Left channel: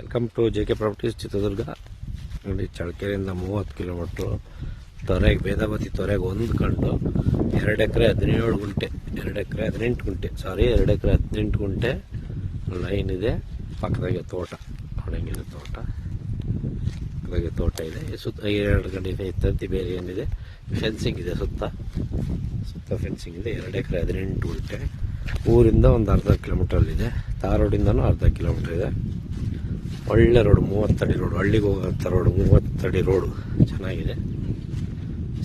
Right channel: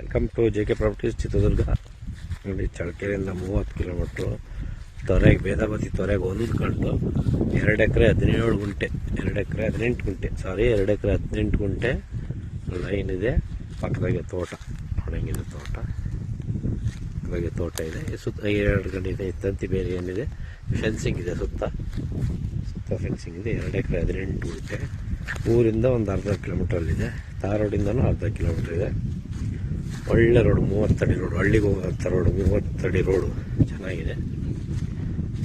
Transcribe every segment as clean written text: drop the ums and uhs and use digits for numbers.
Welcome to JK properties Chitradurga. ನೋಡಿ, ಚಳ್ಳಕೆರೆಯಿಂದ 30 kilometre ತೊರೆಗೆ, Vedavathi ತೊರೆಗೆ ಹೊಂದ್ಕೊಂಡು 2 ಎಕರೆ 17 ಗುಂಟೆ 2 ಎಕರೆ 18 ಗುಂಟೆ 2 ಎಕರೆ 18 ಗುಂಟೆ ಲೈನ್ ಇದೆ. ಪಕ್ಕದಾಗೆ ತೋಟ ನೋಡಂಗಿದೆ, ಪಕ್ಕದಾಗೆ ತೋಟ ಇದೆ. ಸುತ್ತ 2 ಗಂಟೆ ತಂತಿ ಬೇರೆ ಏನಿದೆ, ಫೆನ್ಸಿಂಗ್ ಇದೆ, ಸುತ್ತ ಫೆನ್ಸಿಂಗ್ ಇದೆ. 2 ಎಕರೆ 18 ಗುಂಟೆ. ಊರಿಂದ ಒಂದು ಅರ್ಧ ಕಿಲೋಮೀಟ್ರಲ್ಲಿದೆ. ತಾರ್ ರೋಡಿಂದನೂ ಅರ್ಧ ಕಿಲೋಮೀಟ್ರ್ ಇದೆ. ಒಳ್ಳೆ ರೋಡು, 30 ಅಡಿ ರೋಡು, ಹಳ್ಳಿಗೆ ಹೋಗೋಂಥ ರೋಡು, 30 ಅಡಿ ರೋಡು ಚೆನ್ನಾಗಿದೆ.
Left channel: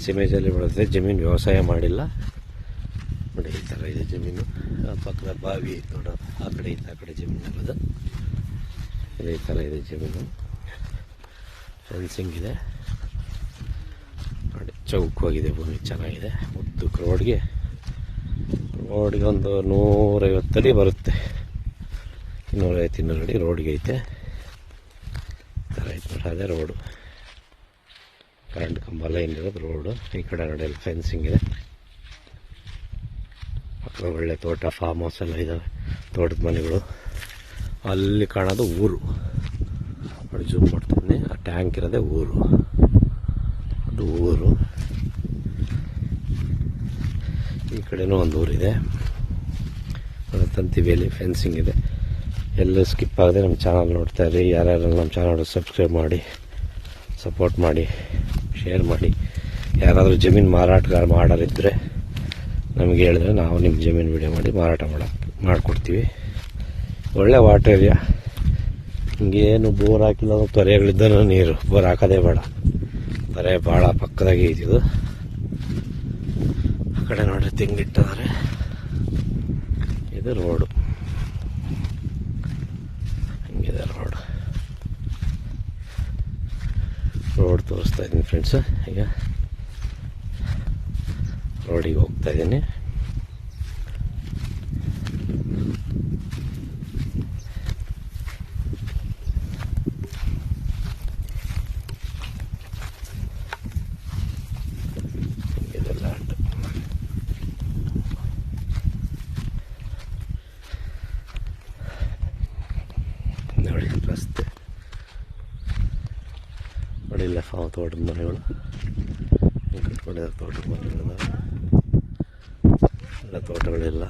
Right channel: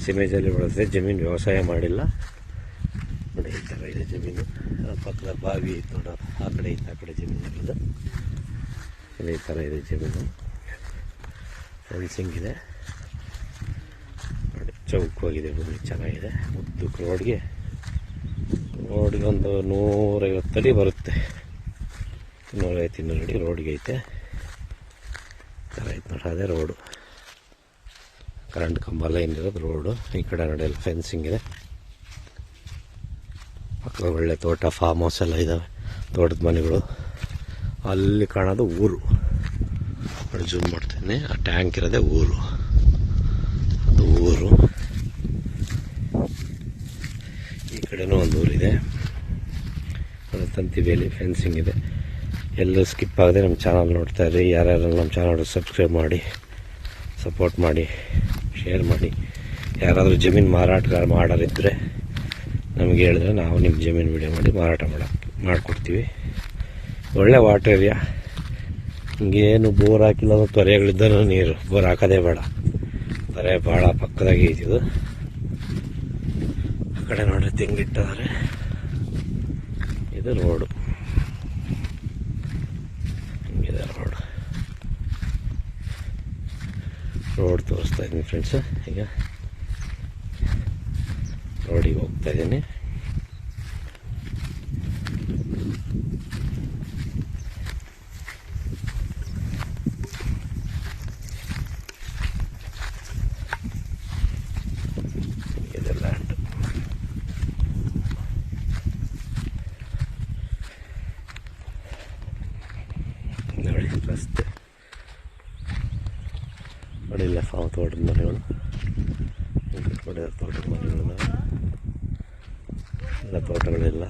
ಸಿಮೇಜಲ್ಲಿ ಬರುತ್ತೆ. ಜಮೀನು ವ್ಯವಸಾಯ ಮಾಡಿಲ್ಲ. ನೋಡಿ, ಈ ಥರ ಇದೆ ಜಮೀನು. ಪಕ್ಕದ ಬಾವಿ ಐತೆ ನೋಡೋದು, ಆ ಕಡೆ ಐತೆ, ಆ ಕಡೆ ಜಮೀನು ಇರೋದು. ಈ ಥರ ಇದೆ ಜಮೀನು. ಫೆನ್ಸಿಂಗ್ ಇದೆ ನೋಡಿ, ಚೌಕವಾಗಿದೆ ಭೂಮಿ, ಚೆನ್ನಾಗಿದೆ. ಉದ್ದಕ್ಕೆ ರೋಡ್ಗೆ ಒಂದು 150 ಅಡಿ ಬರುತ್ತೆ. 150 ಅಡಿ ರೋಡ್ಗೆ ಐತೆ. ಥರ ಐತೆ ನೋಡಿ, ಅದೇ ರೋಡು. ಕರೆಂಟ್ ಕಂಬ ಲೈನ್ ಇರೋದು ರೋಡು. ಈ ಕಡೆ ನಡೆಯಲ್ಲ, ಫೆನ್ಸಿಂಗ್ ಇದೆ. ಪಕ್ಕದ ಒಳ್ಳೆ ತೋಟ, ಫಾರ್ಮ್ ಹೌಸ್ ಎಲ್ಲ ಇದ್ದಾವೆ, ತೋಟದ ಮನೆಗಳು. ಅಲ್ಲಿ ಕಾಣೋದು ಊರು. ನೋಡಿ, ಜೂಮ್ ಮಾಡ್ತೀನಿ, ಆ ಟ್ಯಾಂಕ್ ಇರೋದೇ ಊರು, ಅದು ಊರು. ಈ ಕಡೆನೂ ಒಂದು ಊರಿದೆ. ತಂತಿ ಬೇಲಿ, ಫೆನ್ಸಿಂಗ್ ಇದೆ. ಎಲ್ಲೂ ಸ್ಕಿಪ್ ಆಗದೆ ನಮ್ಮ ಚಾನಲ್ ನೋಡ್ತಾ ಇರಿ. ಯಾರ್ಯಾರು ನಮ್ಮ ಚಾನಲ್ ಸಬ್ಸ್ಕ್ರೈಬ್ ಮಾಡಿ, ಸಪೋರ್ಟ್ ಮಾಡಿ, ಶೇರ್ ಮಾಡಿ. ಯಾರಾದರೂ ಜಮೀನು ಮಾರಾಟಗಾರ ಮಾಡೋರಿದ್ದರೆ ನಮಗೆ ಹೇಳಿದ್ರೆ ನಾವು ನಿಮ್ಮ ಜಮೀನು ವಿಡಿಯೋ ಮಾಡಿ ಮಾರಾಟ ಮಾಡಿಕೊಡ್ತೀವಿ. ಒಳ್ಳೆ ವಾಟರ್ ಏರಿಯಾ. ಹಿಂಗೇನು ಬೋರ್ ಹಾಕಿಲ್ಲ, ತೊರೆಗಳಿದ್ದನೂ ನೀರು, ಬೋರ್ ಹಾಕೋದೇ ಬೇಡ. ತೊರೆ ಭಾಳ ಪಕ್ಕದಾಗೆ ಇದ್ದಿದ್ದು. ಆ ಕಡೆ ನೋಡಿ ತೆಂಗಿಟ್ಟಿದ್ದಾರೆ. ಇದು ರೋಡು, ಹಿಂಗಿದೆ ರೋಡ್ ತೋರಿಸ್ತಾ ಇದ್ದೀನಿ ಫ್ರೆಂಡ್ಸ್. ಈಗ ರೋಡಿಗೆ ಹೋಗ್ತಾ ಇದ್ದೀನಿ. ಹಿಂಗಿದೆ ಲ್ಯಾಂಡ್. ನೋಡಿ, ರಸ್ತೆ ನೋಡಿಲ್ಲ, ತೋಟದ ಮನೆಗಳು ಕಟ್ಕೊಂಡಿರೋ ತೋಟದ ಮನೆಗಳನ್ನ ಎಲ್ಲ, ತೋಟಗಳೆಲ್ಲ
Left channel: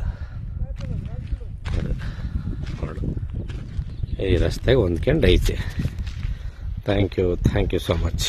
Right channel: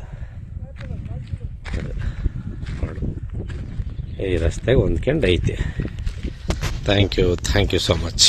ಮಾಡು. ಈ ರಸ್ತೆಗೆ ಹೊಂದ್ಕೊಂಡು ಐತೆ. Thank you so much.